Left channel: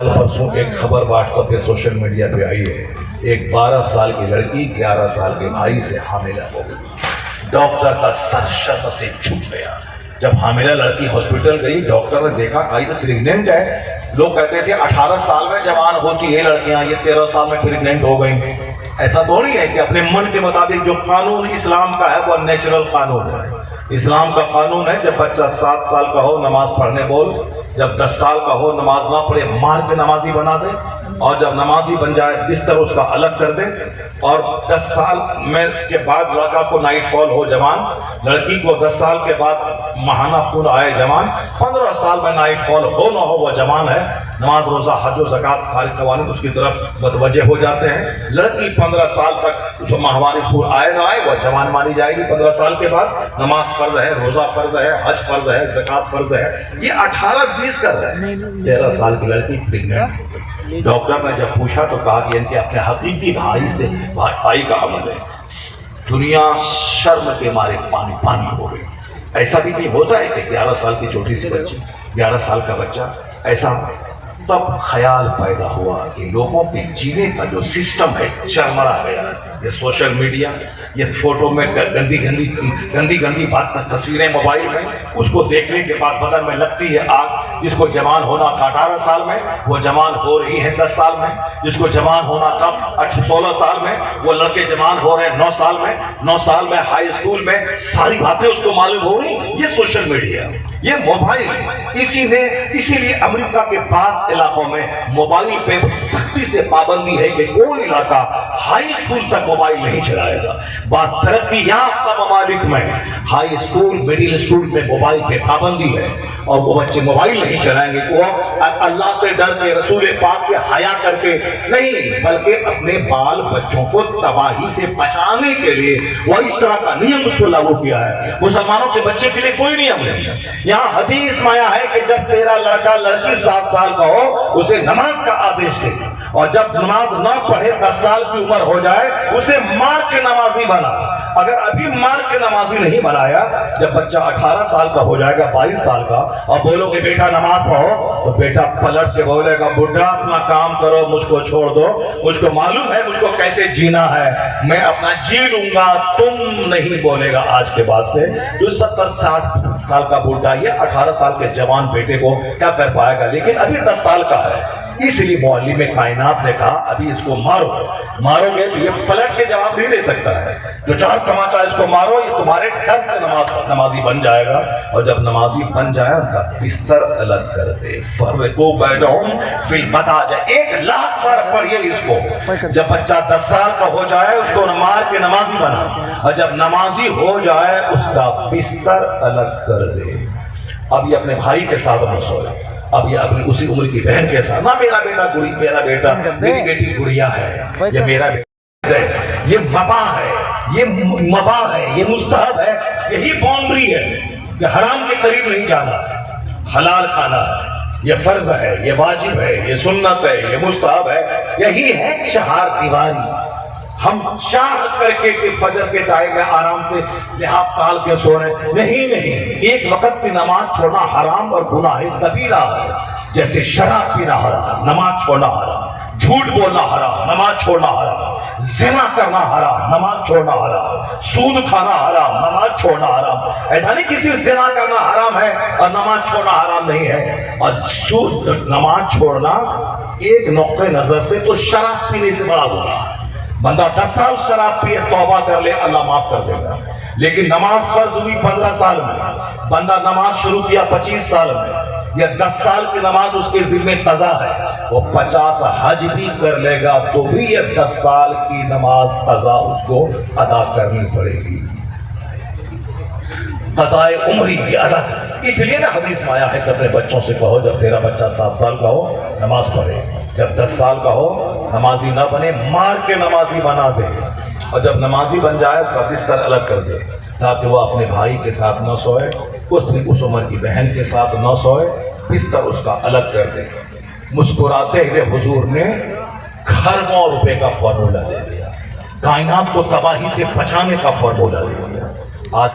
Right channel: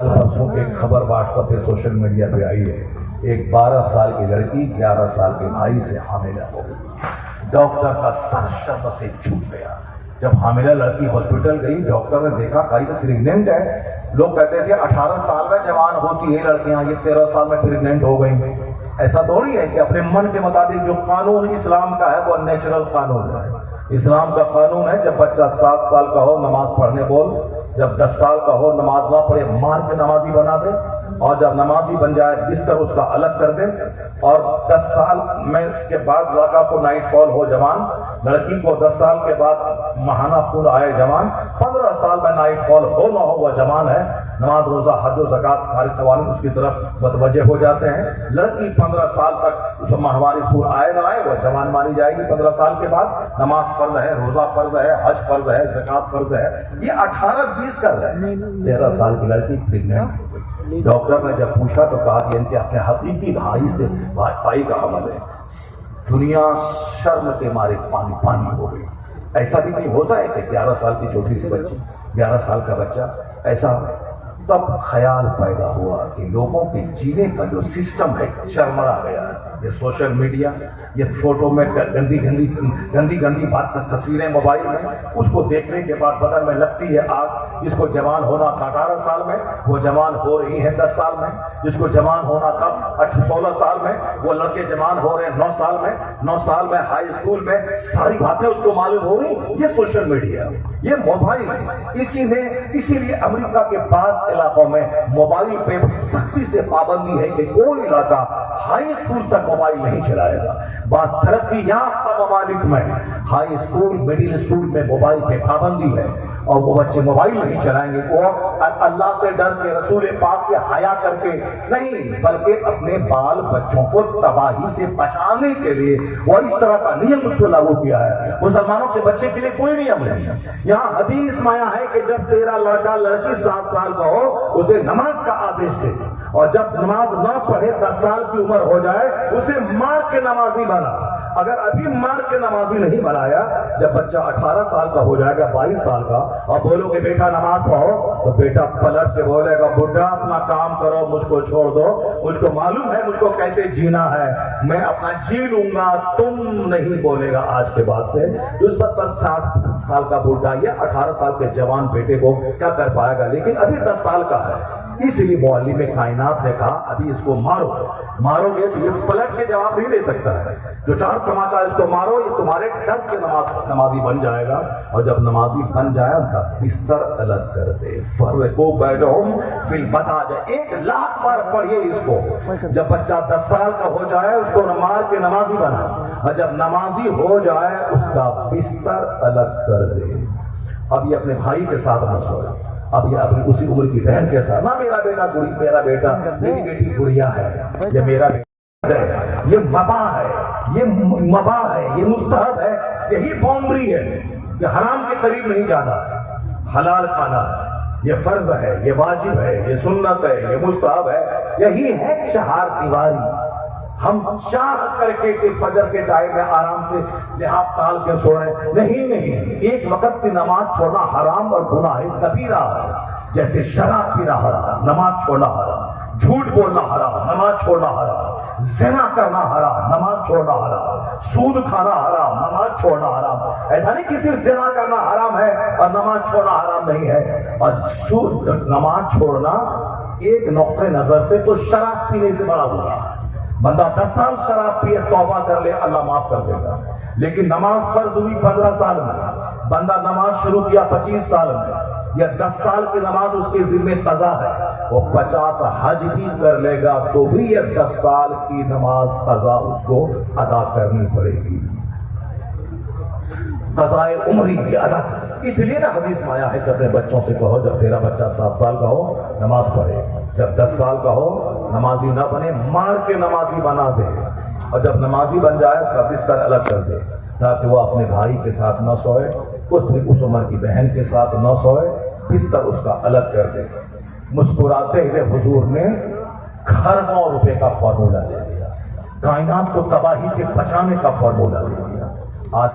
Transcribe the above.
परसों एक खबर व्हाट्सएप पे सोशल मीडिया पे आई है, एक 12 साल की लड़की 11 साल के भाई से हामिला हो गई। डॉक्टर का सर शर्म से झूठ गया। जब हामिला लड़की हॉस्पिटल गई, डॉक्टर ने देखा कहीं तो प्रेग्नेंट है। लोग कहते थे 18 साल में जवान होती है लड़कियां, ये 13 साल में प्रेग्नेंट हो गई। ऐसा थोड़ी है कि अपने मन के मुताबिक। जो कानून इस्लाम का है वो नेचुरल कानून है। इस्लाम का कानून है, जब बच्चा 7 साल का हो नमाज पढ़ने बोल, जब 10 साल का हो नमाज ना पढ़े मार के नमाजी बना दे, और जब नमाजी बन जाए बिस्तर उसका अलग कर दे। और 10 साल में के बाद लड़का को नाइट फॉल हो जवान, लड़की को 10 साल के बाद महाना खून आए जवान, 15 साल में नाइट फॉल हो ना हो वह जवान है। नमाज रोजा हज और ज़कात सारे कवानीन उसकी तरफ मुतवज्जे हो जाते हैं। लड़की 15 साल तक उसको माहवारी खून आए ना आए वह जवान मानी जाएगी। 15 साल के बाद नमाज फर्ज है, रोजा फर्ज है, हज फर्ज है, ज़कात फर्ज है। ये 18-20 कर रहे हैं। 13 साल की लड़की प्रेग्नेंट। डॉक्टर ने जब पूछा तो कहा कि इनके अपने हकीकी भाई का अमल है। दुनिया शर्म के मारे पानी पानी हो गई। ऐसा भी नहीं होता है कि 11 साल की छोटी सी बच्ची, 11 साल का बच्चा, ऐसा तब ख्याल पैदा हुआ कि लोगों के जीने का जो सिस्टम है चरमरा गया है। ये सोशल मीडिया, ये फोटो में गंदी बात, तस्वीरें मोबाइल में, उसको देखने के बाद बदन में लगती है आग। जिसको जवान होना था 18 साल में वो जवान हो रही है 10 साल में। जिसको जवान होना था 16 साल में वो लड़के जवान हो रहे हैं 9 साल में। 9 साल में हाई स्कूल में सारी बातें उसको मालूम हो रही। ये सोशल मीडिया, ये मोबाइल। इसीलिए अमेरिका के पास इलाकों में मोबाइल पे सख्ती से पाबंदी है कि कोई इलाका हाई स्कूल तक मोबाइल नहीं चलाएगा। बस तरक्की याफ्ता ममालिक में हाई स्कूल मिडिल स्कूल में मोबाइल पे पाबंदी है और वो बच्चे मोबाइल नहीं चलाएंगे। वो अल्लाह से डर के, रसूल पाक से हया करके नहीं, बल्कि अपने बाल बच्चों को तबाही से बचाने के लिए वो इस तरह का नियम उसको लागू किया है। मुसलमानों के बच्चे के लिए कोई नियम नहीं। यहाँ हदीस में आया है कि जब तेरा लड़का लड़की 7 साल का हो उसे नमाज का आदेश दे, और जब नमाज न पढ़े 10 साल की उम्र हो जाए उसे मार के नमाजी बना। अगर अभी मार के नमाजी नहीं बनाया, जब बच्चा 18 साल का हो जाएगा, 22 साल का, और बोलोगे बेटा नमाज पढ़ो, तो बेटा पलट के बोलेगा बुढ़ा अपना काम करो, मुझको छोड़ दो, मुझको मालूम है मुझको कैसे जीना है, मैं अपना जी लूंगा, तुम नहीं बोलेगा आज के बाद से। जो 70-60 साल का बुढ़ा ये 18 साल के जवान बेटे को क्या कर पाएगा। लेकिन अभी 10 साल का है, इसलिए मौलवी में कायनात ने कहा अभी इसको मारोगे तो ये पलट के जवाब नहीं दे सकता है। जो 4 तमाचा इसको मारो, ये तुम्हारे डर से नमाजी बन जाएगा। और जब नमाजी बन जाए उनका बिस्तर अलग कर दे। फर्को बैनहुम फिल मदाज, 1 लाख बार पढ़िए इसको। जब बच्चा 10 साल का हो जाए उसको मार के नमाजी बना, और जब नमाजी हो जाए उसका बिस्तर अलग कर दे। अब ये अपने भाई के साथ न सोए, अब ये अपनी उसी उम्र की बहन के साथ, ना मेरा बेटा मेरी बेटी गुड़िया है, ये मेरा बेटा है, ये मबा है, ये मुस्तहब है। यही बाउंड्री है कि हराम के करीब नहीं जाना, हलाल खाना है, ये फर्ज है, ये वाजिब है, ये सुन्नत है, ये मुस्तहब है। यही है चार दीवारी। हम चाह करके कि फजर के टाइम में आराम से लिहाफ ताल के सो रहे, नहीं, एक वक्त की नमाज छोड़ना हराम और गुनाह कबीरा है। जैसे शराब पीना हराम, नमाज छोड़ना हराम, झूठ बोलना हराम, नमाज छोड़ना हराम, ज़िना करना हराम, नमाज छोड़ना हराम, सूद खाना हराम, नमाज छोड़ना हराम। ऐसा नहीं कि सिर्फ ज़िना करना हराम है और नमाज छोड़ना हराम नहीं है। और सूद नमाज छोड़ना एक नुक्ते नजर से तो शराब पीने से बड़ा गुनाह। बंदा 10 साल शराब पिए तौबा कर ले, अल्लाह माफ कर देगा। लेकिन नमाज फर्ज हुई 15 साल में, बंदा नमाज शुरू किया 25 साल में, या 10 साल की नमाज उसके जिम्मे कज़ा है, वो 50 हज भी कर लेगा तो भी ये 10 साल की नमाज कज़ा उसको अदा करनी पड़ेगी। कज़ाए उम्री की अदा। इसलिए ना हदीस में आया है कि अपने बच्चों से कहो जब तेरा बच्चा 7 साल का हो नमाज पढ़े, जब 10 साल का हो नमाजी ना बने, मार के नमाजी बना दे, और जब नमाजी बन जाए उसका बिस्तर अलग कर दे, ताकि वो अपने भाई के साथ न सोए, उस उम्र की बहन के साथ न सोए, बिस्तर उसका अलग कर दे। मुस्कुराते हुए हुजूर ने खरबों रुपए का फॉर्मूला दे दिया, कायनात को तबाही से बचाने का फॉर्मूला दे दिया। आज